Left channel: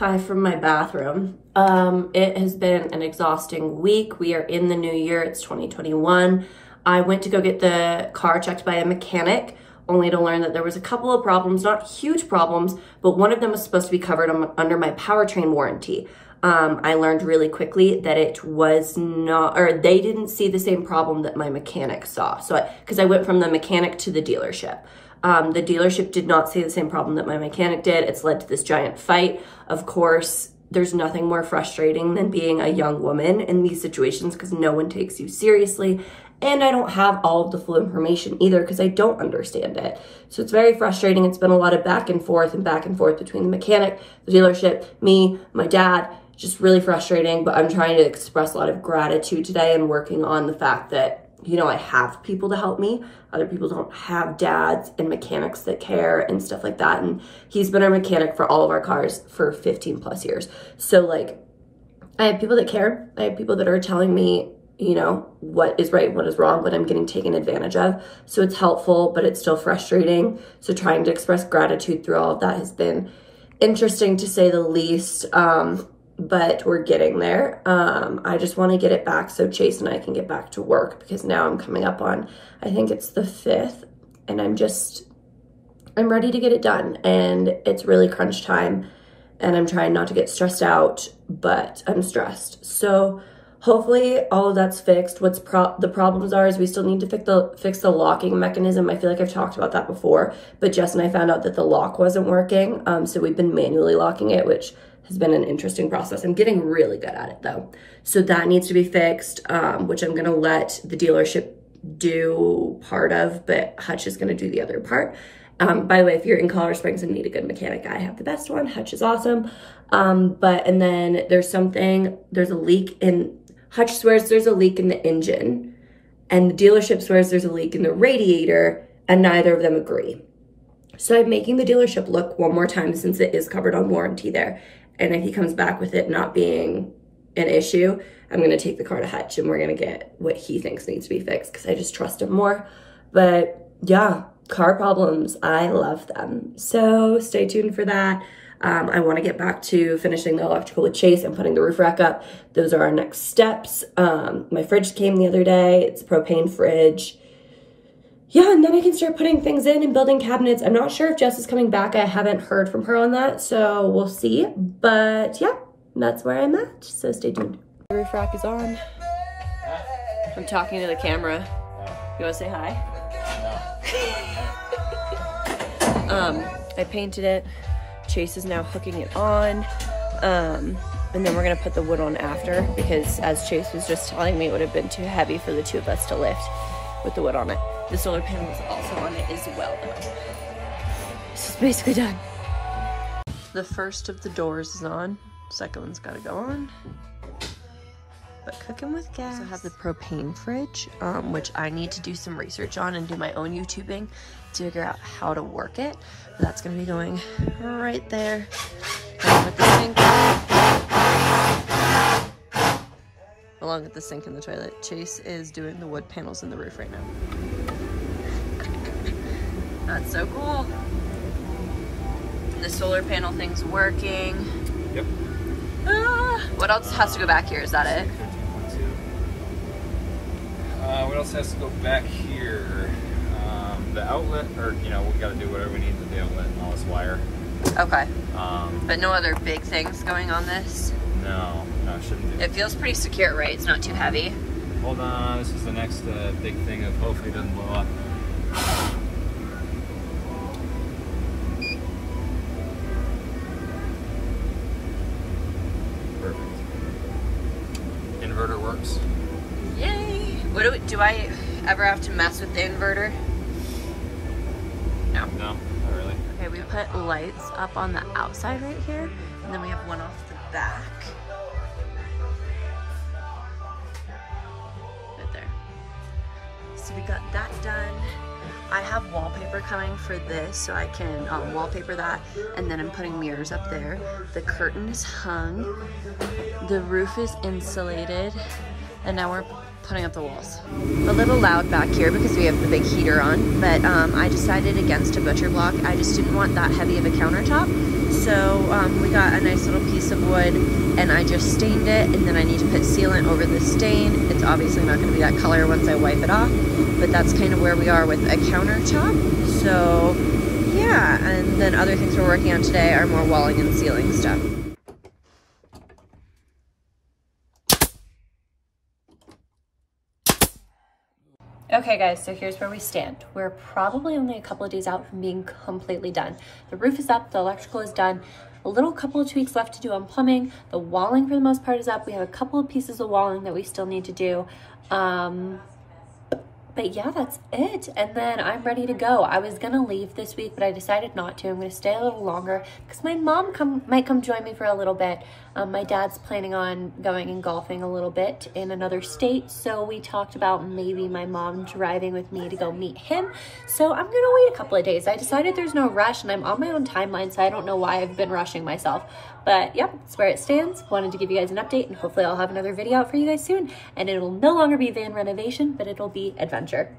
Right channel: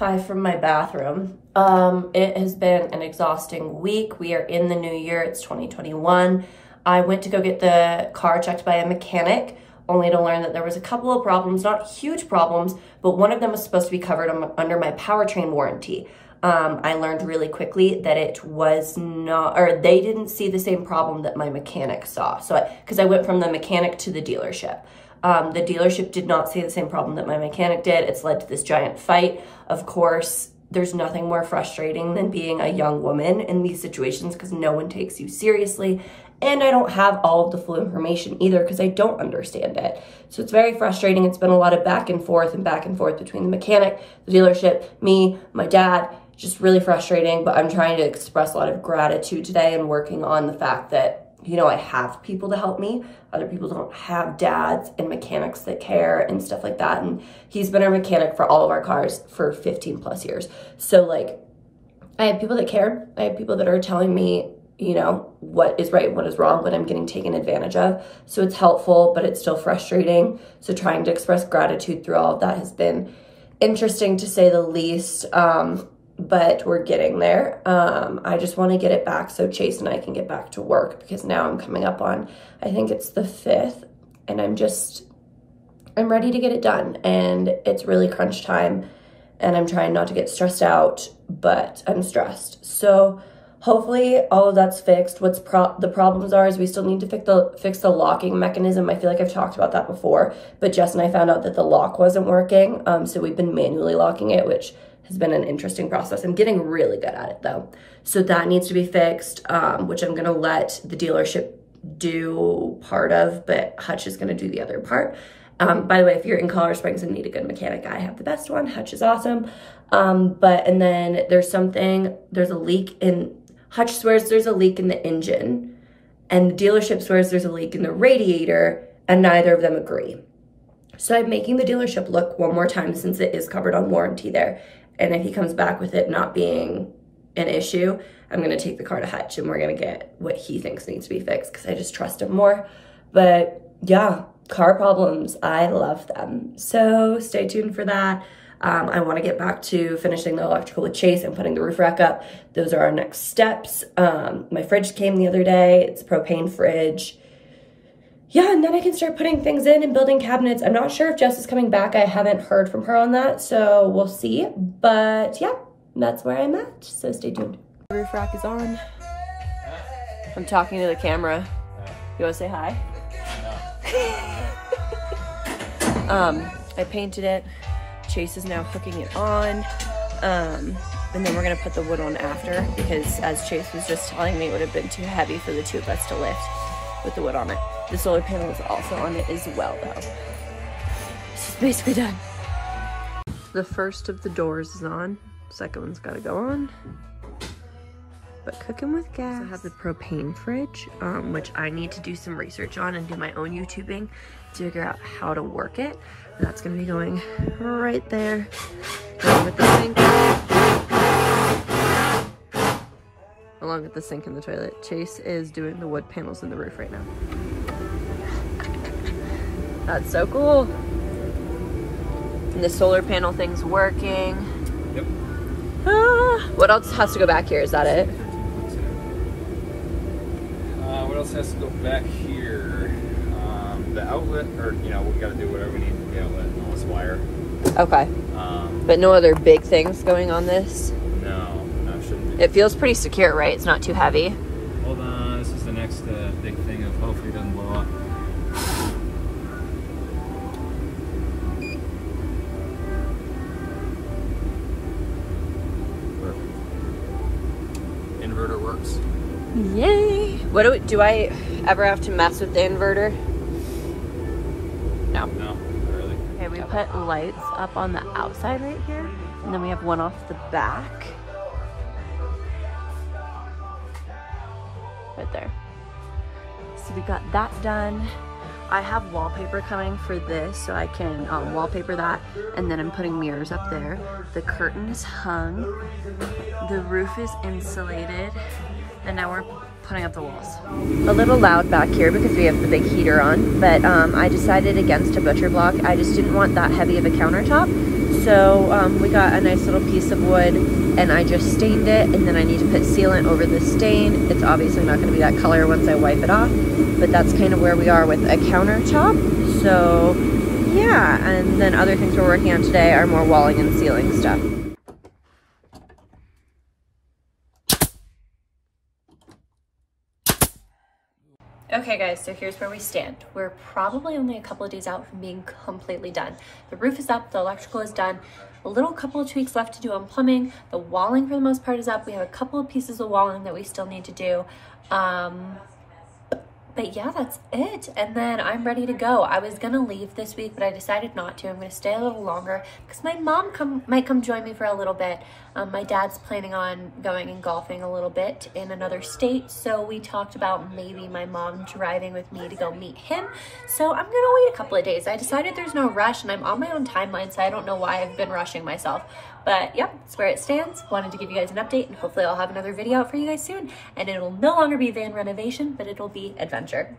Hi from my bathroom. It has been an exhausting week. We are in the new year, it's 2021. I went to go get the car checked by a mechanic, only to learn that there was a couple of problems, not huge problems, but one of them was supposed to be covered under my powertrain warranty. I learned really quickly that it was not, or they didn't see the same problem that my mechanic saw. So, because I went from the mechanic to the dealership. The dealership did not see the same problem that my mechanic did. It's led to this giant fight. Of course, there's nothing more frustrating than being a young woman in these situations because no one takes you seriously. And I don't have all of the full information either because I don't understand it. So it's very frustrating. It's been a lot of back and forth between the mechanic, the dealership, me, my dad. Just really frustrating, but I'm trying to express a lot of gratitude today and working on the fact that, you know, I have people to help me. Other people don't have dads and mechanics that care and stuff like that. And he's been our mechanic for all of our cars for 15 plus years. So like, I have people that care. I have people that are telling me, you know, what is right, what is wrong, what I'm getting taken advantage of. So it's helpful, but it's still frustrating. So trying to express gratitude through all of that has been interesting to say the least. But we're getting there. I just want to get it back so Chase and I can get back to work because now I'm coming up on, I think it's the 5th, and I'm ready to get it done. And it's really crunch time and I'm trying not to get stressed out, but I'm stressed. So hopefully all of that's fixed. The problems are is we still need to fix the locking mechanism. I feel like I've talked about that before, but Jess and I found out that the lock wasn't working. So we've been manually locking it, which has been an interesting process. I'm getting really good at it though. So that needs to be fixed, which I'm gonna let the dealership do part of, but Hutch is gonna do the other part. By the way, if you're in Colorado Springs and need a good mechanic, I have the best one. Hutch is awesome. And then there's a leak in, Hutch swears there's a leak in the engine and the dealership swears there's a leak in the radiator and neither of them agree. So I'm making the dealership look one more time since it is covered on warranty there. And if he comes back with it not being an issue, I'm gonna take the car to Hutch and we're gonna get what he thinks needs to be fixed because I just trust him more. But yeah, car problems, I love them. So stay tuned for that. I wanna get back to finishing the electrical with Chase and putting the roof rack up. Those are our next steps. My fridge came the other day. It's a propane fridge. Yeah, and then I can start putting things in and building cabinets. I'm not sure if Jess is coming back. I haven't heard from her on that, so we'll see. But yeah, that's where I'm at, so stay tuned. The roof rack is on. I'm talking to the camera. You wanna say hi? I painted it. Chase is now hooking it on. And then we're gonna put the wood on after because as Chase was just telling me, it would have been too heavy for the two of us to lift with the wood on it. The solar panel is also on it as well though. This is basically done. The first of the doors is on. Second one's gotta go on. But cooking with gas. I have the propane fridge, which I need to do some research on and do my own YouTubing to figure out how to work it. But that's gonna be going right there. With the sink. Along with the sink and the toilet. Chase is doing the wood panels in the roof right now. That's so cool. And the solar panel thing's working. Yep. What else has to go back here? Is that it? What else has to go back here? The outlet, or you know, we gotta do whatever we need to the outlet and all this wire. Okay. But no other big things going on this? No, shouldn't be. It feels pretty secure, right? It's not too heavy. Hold on, this is the next big thing of hopefully it doesn't blow up. Perfect. Inverter works. Yay! Do I ever have to mess with the inverter? No. No, not really. Okay, we put lights up on the outside right here, and then we have one off the back. Right there. So we got that done. I have wallpaper coming for this, so I can wallpaper that, and then I'm putting mirrors up there. The curtain is hung. The roof is insulated, and now we're putting up the walls. A little loud back here because we have the big heater on, but I decided against a butcher block. I just didn't want that heavy of a countertop. So we got a nice little piece of wood and I just stained it, and then I need to put sealant over the stain. It's obviously not going to be that color once I wipe it off, but that's kind of where we are with a countertop. So yeah, and then other things we're working on today are more walling and ceiling stuff. Okay guys, so here's where we stand. We're probably only a couple of days out from being completely done. The roof is up, the electrical is done, a little couple of tweaks left to do on plumbing. The walling for the most part is up. We have a couple of pieces of walling that we still need to do. But yeah, that's it. And then I'm ready to go. I was gonna leave this week, but I decided not to. I'm gonna stay a little longer because my mom might come join me for a little bit. My dad's planning on going and golfing a little bit in another state. So we talked about maybe my mom driving with me to go meet him. So I'm gonna wait a couple of days. I decided there's no rush and I'm on my own timeline, so I don't know why I've been rushing myself. But yep, that's where it stands. Wanted to give you guys an update, and hopefully I'll have another video out for you guys soon. And it'll no longer be van renovation, but it'll be adventure.